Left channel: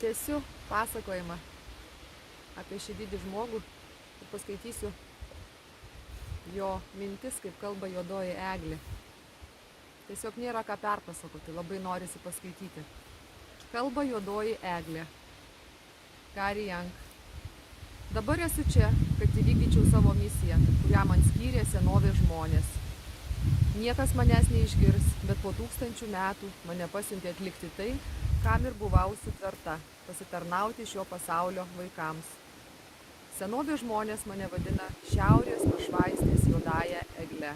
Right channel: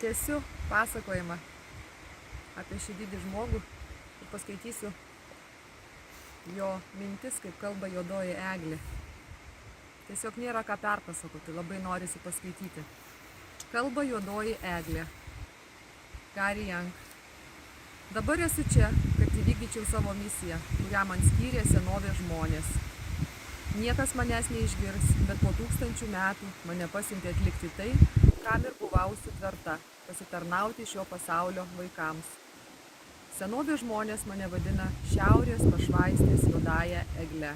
Tęsiu pasakojimą apie šį didį žmogų ir paskaitysiu jo mintis, kaip kalba juodoji eglė. Tiesiog nėra ką perpasakoti, labai norisi paskaityti. Kalba juodoji eglė. Gary Young. Dabar esu čia, kad įvykdyčiau savo misiją, kurią man skyrė senovės žmonės. Niekas manęs neišgirs, bet po 1000 metų mane pasiuntė atlikti tai, kam ir buvau sutverta – pasitarnauti šio pasaulio vaikams. Senovės žmonės mane vadina šiaurės pašvaistės juodąja egle,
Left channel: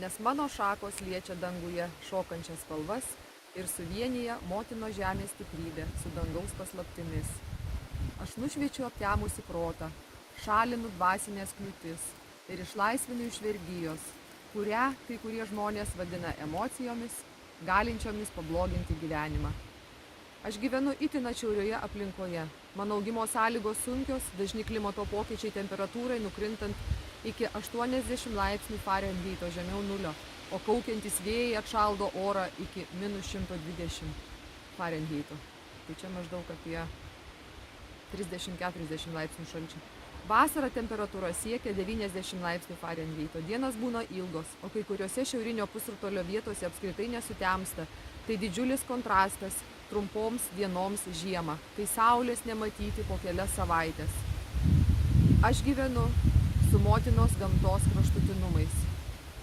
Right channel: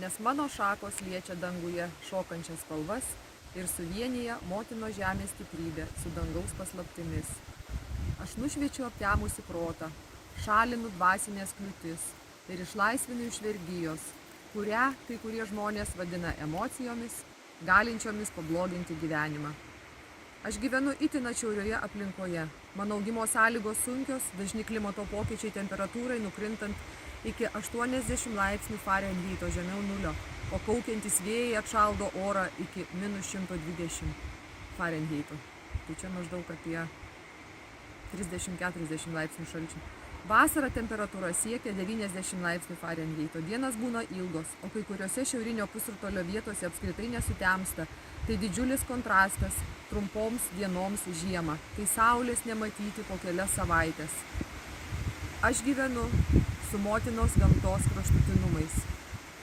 nes mano šakos liečia danguje šokančias spalvas ir suvienyje motino žemės stiprybę su dangaus paslaptimis. Aš nušviečiu aptemusį protą, šalinu dvasinės kliūtis ir išlaisvinu iš vergijos, kurią kai kurie žmonės vadina emocijomis, galinčiomis pabloginti gyvenimą. Aš gyvenu itin atšiaurioje aplinkoje. Mano augimo sąlygos sunkios, dažni klimato pokyčiai temperatūrai nukrintant iki 80 laipsnių Farenheito žemiau nulio, o kaukiantis vėjai atšaldo orą iki -120 Farenheito. Tai čia maždaug apie 30-40 laipsnių šalčio. Vasarą temperatūra siekia 90 laipsnių Farenheito. Dienas būna ilgos, o kai kuriuose šiaurinio pusrutulio vietose apskritai nesutemsta. Tai didžiulis kontrastas trumpoms dienoms žiemą, kai saulės nematyti po kelias savaitės. Aš gyvenu su motinos gamtos kraštutinumais,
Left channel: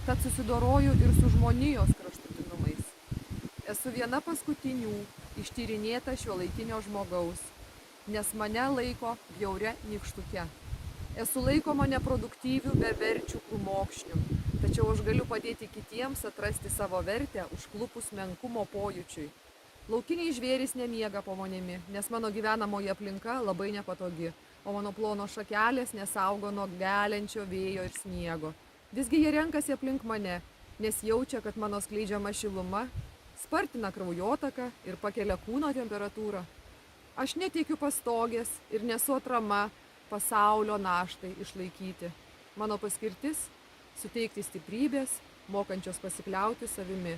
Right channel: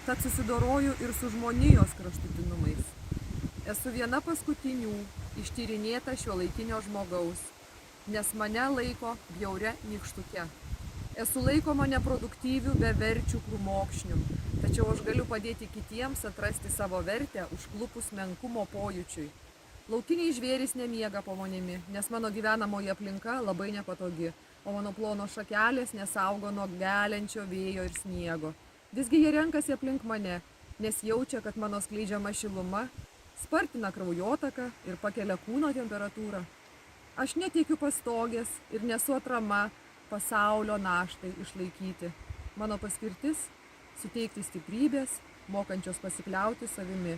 tad susidoroju ir su žmonijos kraštutinumais. Esu viena paskutinių ištyrinėta šiuolaikinio žmogaus, nes mane laiko bjauria nykštuke. Esu laikoma neproduktyvių, beverčių krūmokšnių, tačiau aš galiu padėti kitiems atrasti savo vertę užklupus menkumo pojūčiui. Laukiniai žvėrys nemiega po manimi, nes mano gyvenamoji aplinka labai nepatogi, o mano plonos šakelės nesaugo nuo geliančio vėjo ir sniego. Visgi jie renkasi aplink mane, nes jaučia, kad mano skleidžiama šiluma spartina kraujotaką ir pakelia kūno temperatūrą. Aš neteikiu pastogės ir nesu atrama pasaulio naštai išlaikyti. Mano paskirtis – suteikti stiprybės, mokančios pasikliauti savimi.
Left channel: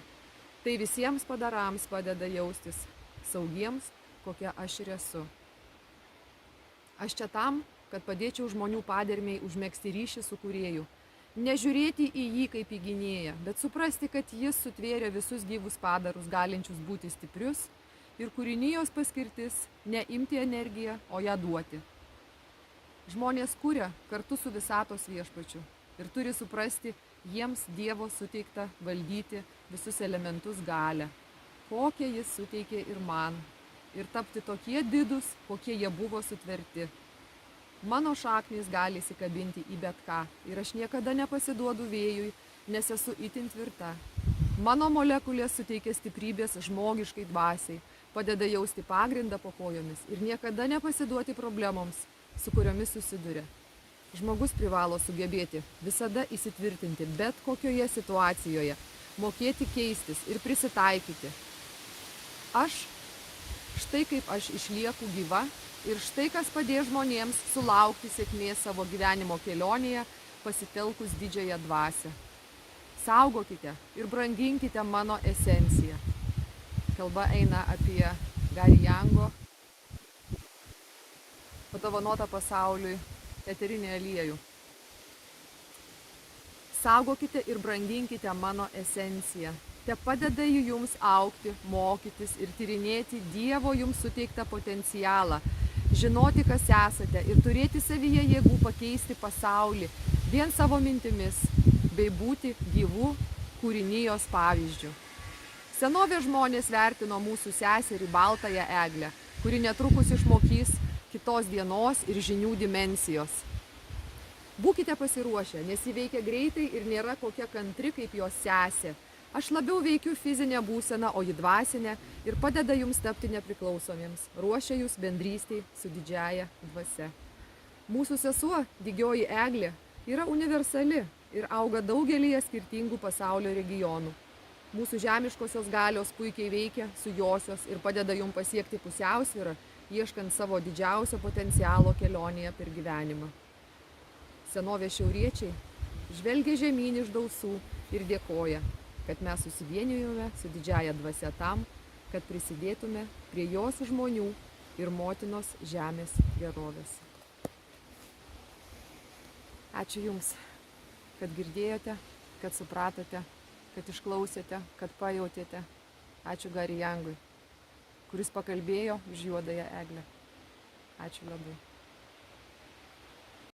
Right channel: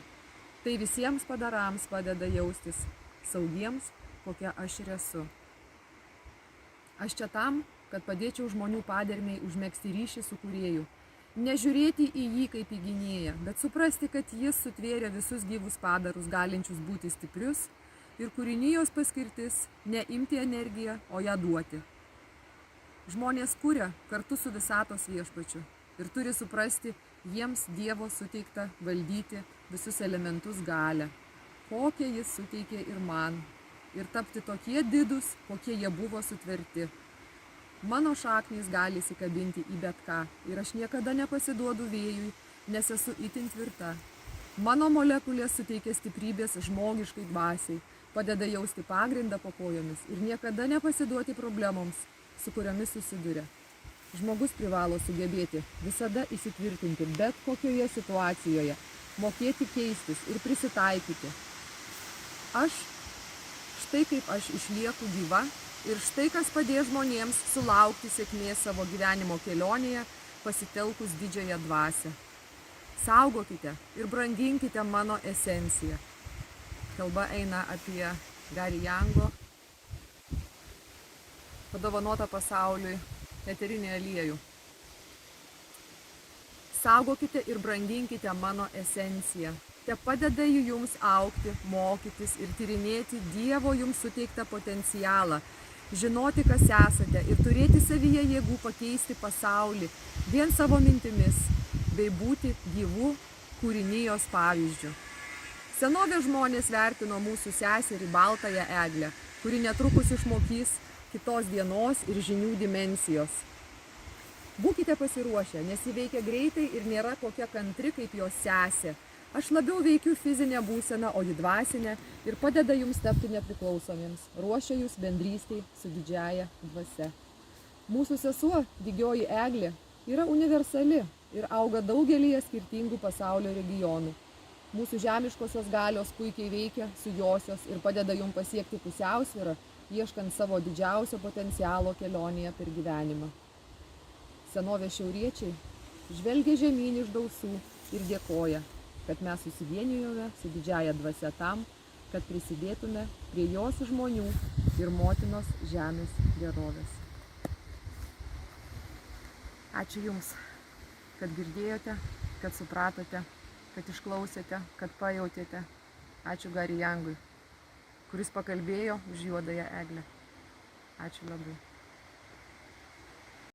Tai visiems padarams padeda jaustis saugiems, kokia aš ir esu. Aš čia tam, kad padėčiau žmonių padermiai užmegzti ryšį su kūrėju. Nežiūrėti į jį kaip į gynėją, bet suprasti, kad jis sutvėrė visus gyvus padarus, galinčius būti stiprius, ir kūrinijos paskirtis – ne imti energiją, o ją duoti. Žmonės kuria kartu su visatos viešpačiu ir turi suprasti jiems Dievo suteiktą valdyti visus elementus galią, kokią jis suteikė ir man, ir tapti tokie didūs, kokie jie buvo sutverti. Mano šaknys gali įsikabinti į bet ką ir aš niekada nepasiduodu vėjui, nes esu itin tvirta. Mano molekulės suteikia stiprybės žmogiškai dvasiai, padeda jausti pagrindą po kojomis ir niekada nepasiduoti problemoms, su kuriomis susiduria. Žmogus privalo sugebėti visada įsitvirtinti bet kokioje situacijoje, mokėti keistis ir prisitaikyti. Štai kaip aš išlieku gyva ir štai kas padės žmonėms sulaukti sėkmės savo gyvenimo kelionėje, pasitelkus didžiąją dvasią. Saugokite ir branginkite mano esenciją. Kalba eina apie Gary Youngo padovanotą pasauliui eterinį aliejų. Saugokite ir branginkite mano esenciją. Te padeda jums augti, mokytis ir tyrinėti Dievo jums suteiktą potencialą, žinoti, kas esate ir turėti savyje jėgų pakeisti pasaulį vien savo mintimis, bei būti gyvų kūrinijos pavyzdžių. Senovės žmonės vertino mūsų seserį baltąją eglę, kuri netrukus išmokys kitos dienos ir žinių dimensijos. Būkite pasiruošę, nes ji veikia greitai ir nėra kokia kantri kaip jos sesė. Aš labiau veikiu fizinę būseną, o ji dvasinę ir padeda jums tapti nepriklausomiems, ruošia jūs bendrystei su didžiąja dvasia. Mūsų sesuo, didžioji eglė, yra universali ir auga daugelyje skirtingų pasaulio regionų. Mūsų žemiškosios galios puikiai veikia su josios ir padeda jums pasiekti pusiausvyrą, ieškant savo didžiausio potencialo kelionėje per gyvenimą. Senovės šiauriečiai žvelgia žemyn iš dausų ir dėkoja, kad mes susivienijome su didžiąja dvasia tam, kad prisidėtume prie jos žmonių ir motinos žemės gerovės. Ačiū Jums, kad girdėjote, kad supratote, kad išklausėte, kad pajautėte. Ačiū Gary Youngui, kuris pakalbėjo už Juodąją eglę. Ačiū labai.